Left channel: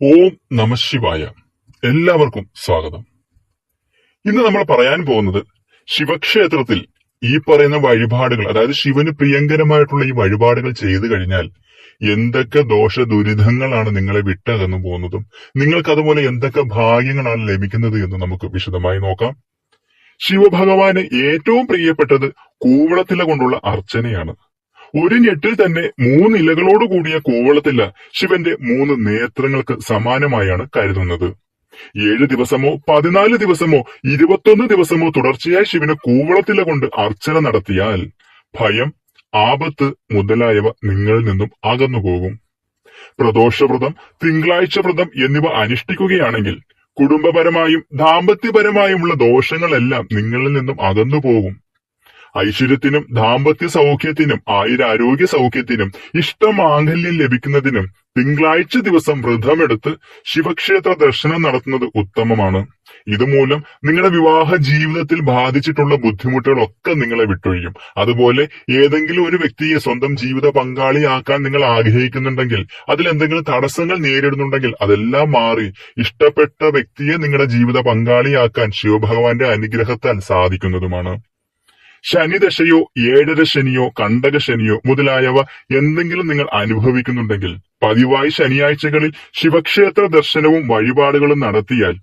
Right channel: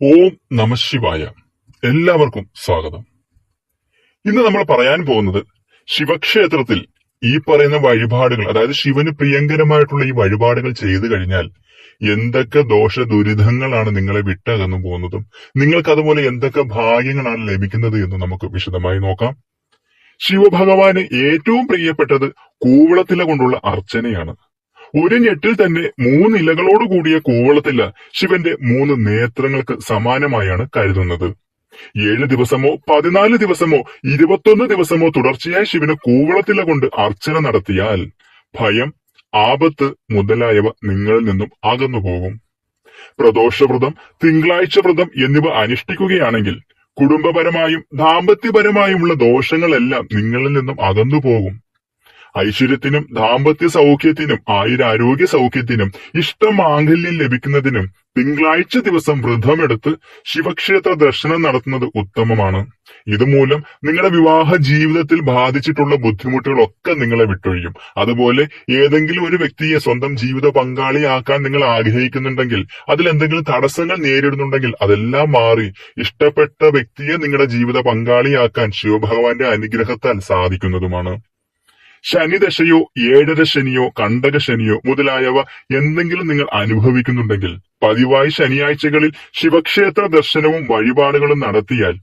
ഓം നമഃശിവായ. എല്ലാവർക്കും സ്വാഗതം. ഇന്ന് നമ്മൾ പറയാൻ പോകുന്നത് ശിവക്ഷേത്രത്തിൽ ഈ പറയുന്ന വഴിപാടുകൾ, അതായത് ശിവന് പ്രിയങ്കരമായിട്ടുള്ള ഈ വഴിപാടുകൾ ചെയ്തു കഴിഞ്ഞാൽ എന്തൊക്കെ ദോഷ ദുരിതങ്ങളാണ് നിങ്ങളെ വിട്ടകന്നു പോകുന്നതും നിങ്ങൾക്ക് അതുപോലെ എന്തൊക്കെ ഭാഗ്യങ്ങളാണ് ലഭിക്കുന്നത് എന്ന് നമുക്ക് വിശദമായി നോക്കാം. ശിവഭഗവാന് ഏറ്റവും പ്രിയപ്പെട്ടത് കൂവളത്തില കൊണ്ടുള്ള അർച്ചനയാണ്. ഒരു ഞെട്ടിൽ തന്നെ 3 ഇലകളോട് കൂടിയ കൂവളത്തില ശിവന്റെ 3 നേത്രങ്ങൾക്ക് സമാനമായാണ് കരുതുന്നത്. 7 ദിവസമോ 14 ദിവസമോ 21 ദിവസമോ തുടർച്ചയായി ശിവന് കൂവളത്തില കൊണ്ട് അർച്ചന നടത്തിയാൽ ഭയം, ആപത്ത് മുതലായവ നിങ്ങളിൽ നിന്നും അകന്നുപോകും. പ്രദോഷവ്രതം, തിങ്കളാഴ്ച വ്രതം എന്നിവ അനുഷ്ഠിക്കുകയാണെങ്കിൽ കുടുംബപരമായും ദാമ്പത്യപരമായുമുള്ള ദോഷങ്ങളെല്ലാം നിങ്ങളിൽ നിന്നും അകന്നുപോകും. ഐശ്വര്യത്തിനും ദാമ്പത്യ സൗഖ്യത്തിനും ആയുരാരോഗ്യ സൗഖ്യത്തിനും ഇഷ്ടമാംഗല്യം ലഭിക്കുന്നതിനും തിങ്കളാഴ്ച ദിവസം വ്രതമെടുത്ത് ശിവക്ഷേത്ര ദർശനം നടത്തുന്നത് ഉത്തമമാണ്. ഇതുമൂലം നിങ്ങളുടെ വിവാഹ ജീവിതത്തിൽ ബാധിച്ചിട്ടുള്ള ബുദ്ധിമുട്ടുകളൊക്കെ നിങ്ങളെ വിട്ടൊഴിയും. അതുപോലെ ഏതെങ്കിലും ഒരു വ്യക്തിയെ സ്വന്തം ജീവിത പങ്കാളിയാക്കാൻ നിങ്ങൾ ആഗ്രഹിക്കുന്നുണ്ടെങ്കിൽ, അതിൽ എന്തെങ്കിലും തടസ്സങ്ങൾ നേരിടുന്നുണ്ടെങ്കിൽ അതെല്ലാം മാറി ഇഷ്ടപ്പെട്ട വ്യക്തിയെ നിങ്ങളുടെ ജീവിത പങ്കാളിയാക്കാൻ ശിവഭഗവാന്റെ അനുഗ്രഹത്താൽ സാധിക്കുന്നതുമാണ്. ശനിദശയോ 7ര ശനിയോ കണ്ടകശനിയോ മുതലായവ എന്തെങ്കിലും നിങ്ങൾ അനുഭവിക്കുന്നുണ്ടെങ്കിൽ പതിവായി ശനിയാഴ്ചകളിൽ ശിവക്ഷേത്ര ദർശനവും വഴിപാടുകളും നടത്തിയാൽ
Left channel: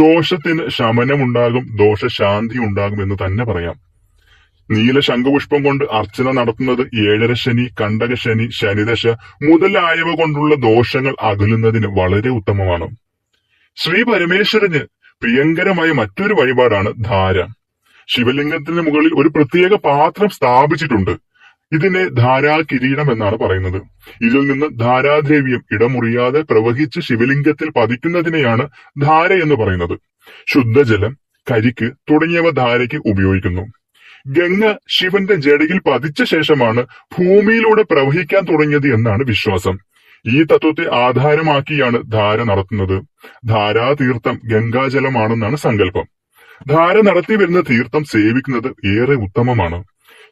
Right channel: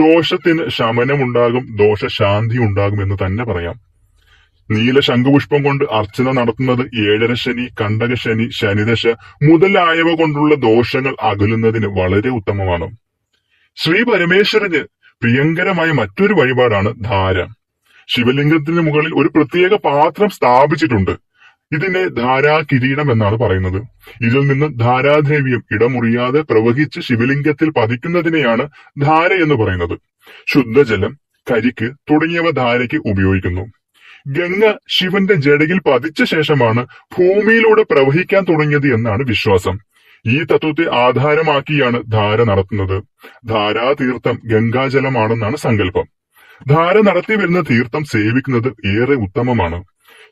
ദോഷത്തിന് ശമനമുണ്ടാകും, ദോഷശാന്തി ഉണ്ടാകും എന്ന് തന്നെ പറയാം. നീല ശംഖുപുഷ്പം കൊണ്ട് അർച്ചന നടത്തുന്നത് 7ര ശനി, കണ്ടകശനി, ശനിദശ മുതലായവ കൊണ്ടുള്ള ദോഷങ്ങൾ അകലുന്നതിന് വളരെ ഉത്തമമാണ്. ശ്രീ പരമേശ്വരന് പ്രിയങ്കരമായ മറ്റൊരു വഴിപാടാണ് ധാര. ശിവലിംഗത്തിന് മുകളിൽ ഒരു പ്രത്യേക പാത്രം സ്ഥാപിച്ചിട്ടുണ്ട്. ഇതിനെ ധാരാകിരീടം എന്നാണ് പറയുന്നത്. ഇതിൽ നിന്ന് ധാരാദ്രവ്യം ഇടമുറിയാതെ പ്രവഹിച്ച് ശിവലിംഗത്തിൽ പതിക്കുന്നതിനെയാണ് ധാര എന്ന് പറയുന്നത്. ശുദ്ധജലം, കരിക്ക് തുടങ്ങിയവ ധാരയ്ക്ക് ഉപയോഗിക്കുന്നു. ഗംഗ ശിവന്റെ ജടയിൽ പതിച്ച ശേഷമാണ് ഭൂമിയിലൂടെ പ്രവഹിക്കാൻ തുടങ്ങിയത് എന്നാണ് വിശ്വാസം. ഈ തത്വത്തെ ആധാരമാക്കിയാണ് ധാര നടത്തുന്നത്. ധാരാതീർത്ഥം ഗംഗാജലമാണെന്നാണ് സങ്കല്പം. ധാര നടത്തി വരുന്ന തീർത്ഥം സേവിക്കുന്നത് ഏറെ ഉത്തമമാണ്.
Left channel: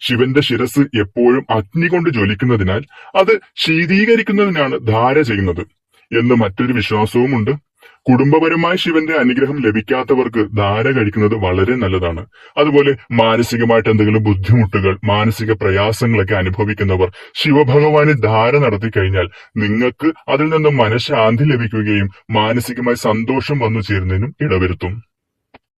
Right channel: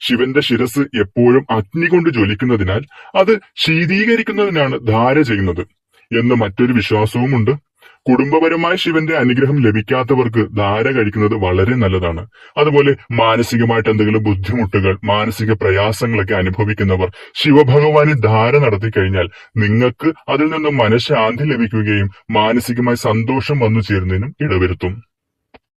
ശിവന്റെ ശിരസ് എപ്പോഴും അഗ്നി കൊണ്ട് ജ്വലിക്കുന്നതിനാൽ അത് ശീതീകരിക്കുന്നതിനാണ് ധാര ചെയ്യുന്നത് എന്ന് മറ്റൊരു വിശ്വാസവുമുണ്ട്. കുടുംബപരമായി ശിവന്റെ അനുഗ്രഹം ലഭിക്കാത്തവർക്ക് ധാര കഴിക്കുന്നത് വളരെ നല്ലതാണ്. അതുപോലെ മാനസികമായിട്ട് എന്തെങ്കിലും ബുദ്ധിമുട്ടുകൾ, മാനസിക പ്രയാസങ്ങളൊക്കെ അനുഭവിക്കുന്നവർ ശിവഭഗവാന് ധാര നടത്തി കഴിഞ്ഞാൽ നിങ്ങൾക്ക് അതിൽ നിന്നും മനഃശാന്തി ലഭിക്കുകയും മാനസികമായി സന്തോഷം വന്നു ചേരുന്നതിനും ഇടവരുത്തും.